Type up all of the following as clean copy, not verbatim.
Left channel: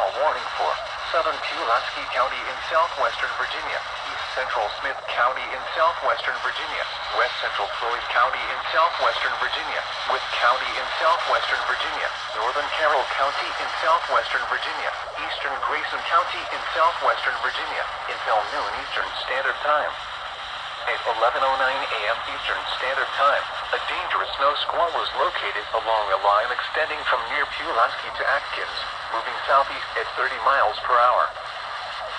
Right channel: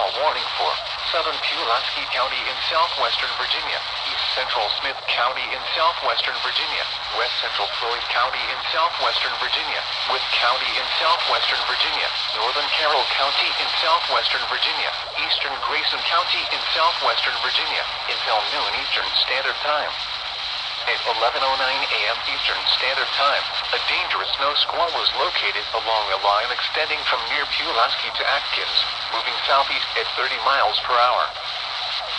squall warning for southern Pulaski County in southwestern Virginia, east central Smith County in southwestern Virginia, west central Floyd County in southwestern Virginia, Witt County in southwestern Virginia, northern Carroll County in southwestern Virginia, eastern Grayson County in southwestern Virginia, until noon Eastern Standard Time. At 11:09 a.m. Eastern Standard Time, a dangerous snow squall was located along a line extending from near Pulaski to Atkins, moving southeast at 30 miles per hour.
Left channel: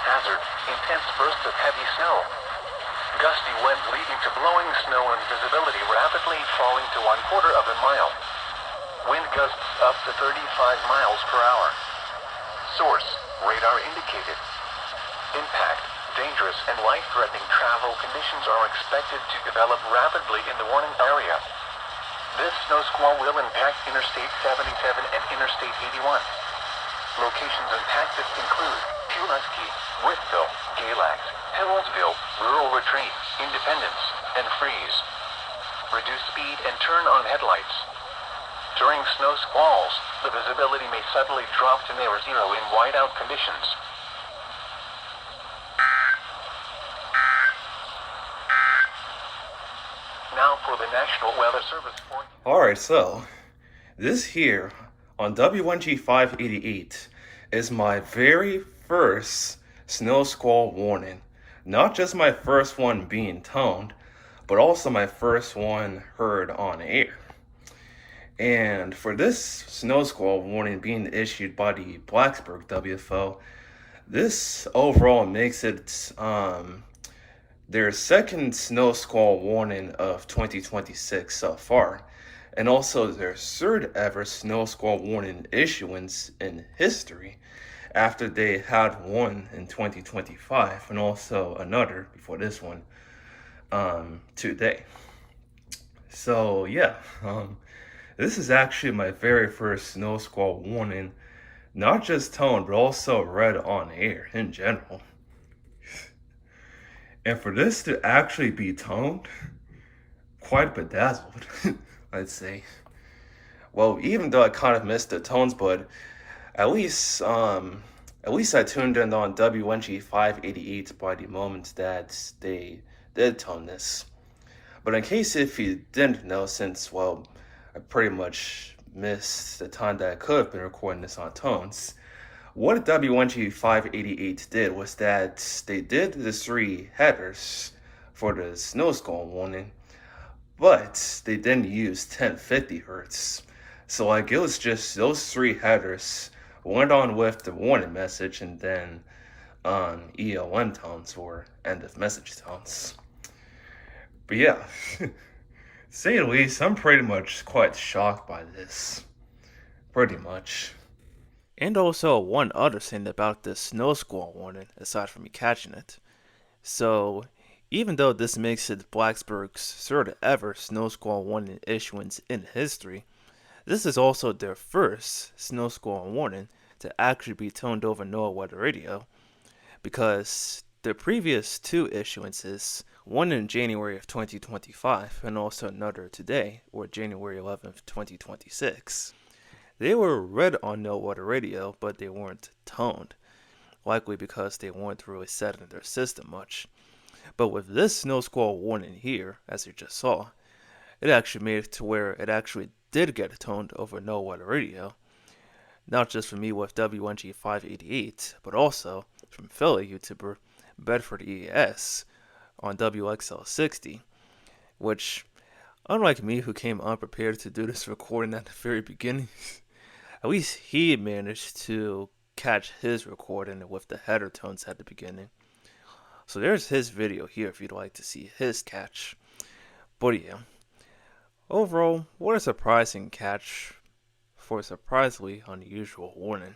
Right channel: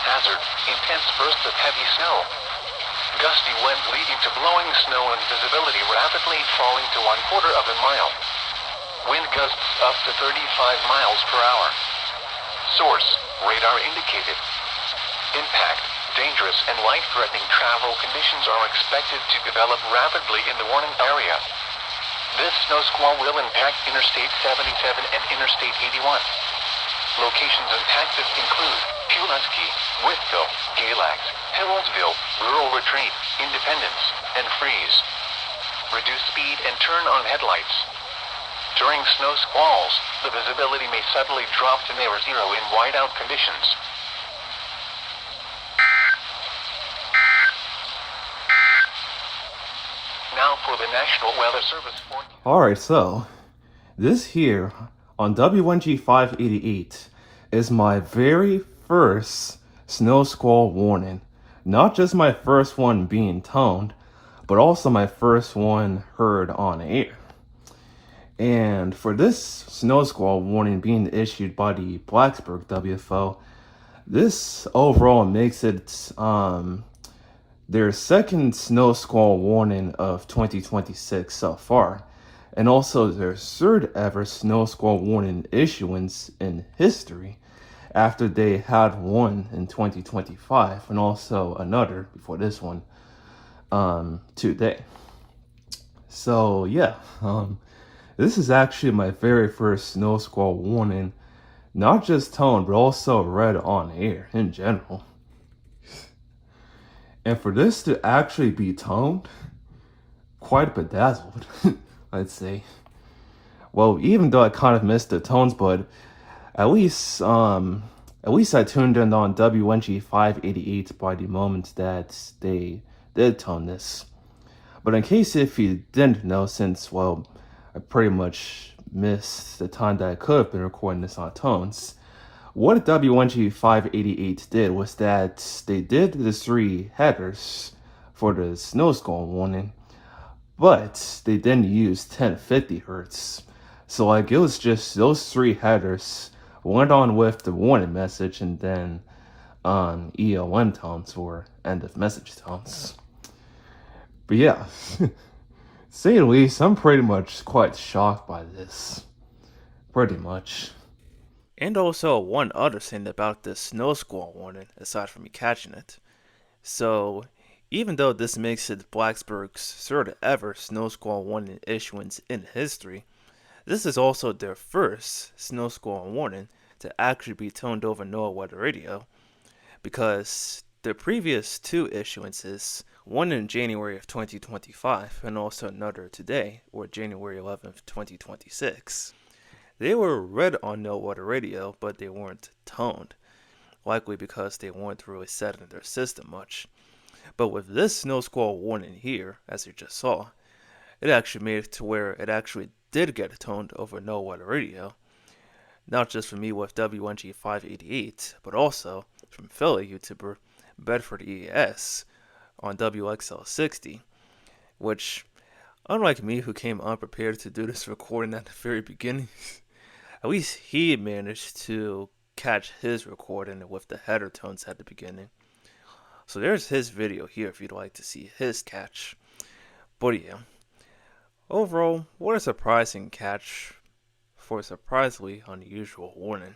Hazard: intense bursts of heavy snow. Gusty winds leading to blowing snow and visibility rapidly falling to 1/4 of a mile. Wind gusts up to 35 miles per hour. Source: radar indicated. Impact: dangerous and life-threatening travel conditions are expected to develop rapidly in the warning area. This snow squall will impact Interstate 77 and Interstate 81. Locations impacted include Pulaski, Whiteville, Galax, Hillsville, Rural Retreat, Independence, and Freeze. Reduce speed and turn on headlights. During snow squalls, the visibility may suddenly drop to near zero in whiteout conditions. Now for the National Weather Service forecast. Alright, so this here on WNG588 is my very first snow squall warning. Not just my first one being toned, but also my first one heard on air. And for this snow squall warning being issued by the Blacksburg WFO, this overall makes it their second snow squall warning of 2026 so far, and also their third ever snow squall warning issuance in history, after they had one in 2025 and also another before this one today. So yeah, this is actually my very first snow squall warning, not just toned but also read on air in general. And for this to actually be toned, quite bedazzled, I'd say. Well, even though I kind of missed the tones, but at least I tuned in on WNG588 by the moment that they did tone this. But in case if you didn't know, since, well, I pretty much missed the time that I could have been recording this on tones, what WNG588 did was that they did the 3 headers for the snow squall warning, but they didn't use 1050 hertz. So like it was just those 3 headers went on with the warning message and then ELM tones or end of message tones. But yeah, to say the least, I'm pretty much quite shocked by this. Pretty much. And also one other thing about this snow squall warning, aside from me catching it. So, even though this makes it Blacksburg's third ever snow squall warning issuance in history, this is also their first snow squall warning to actually be toned over NOAA weather radio, because the previous 2 issuances, one in January of 2025 and also another today, or January 11th, 2026, they were read on NOAA weather radio, but they weren't toned, likely because they weren't really set in their system much. But with this snow squall warning here, as you just saw, it actually made it to where it actually did get toned over NOAA weather radio. Not just from me with WNG588, but also from fellow YouTuber Bedford EAS on WXL60, which, unlike me who came unprepared to do this recording at the very beginning, at least he managed to catch his recording with the header tones at the beginning. So there's his video here if you'd like to see his catch. But yeah, overall, what a surprising catch for a surprisingly unusual warning.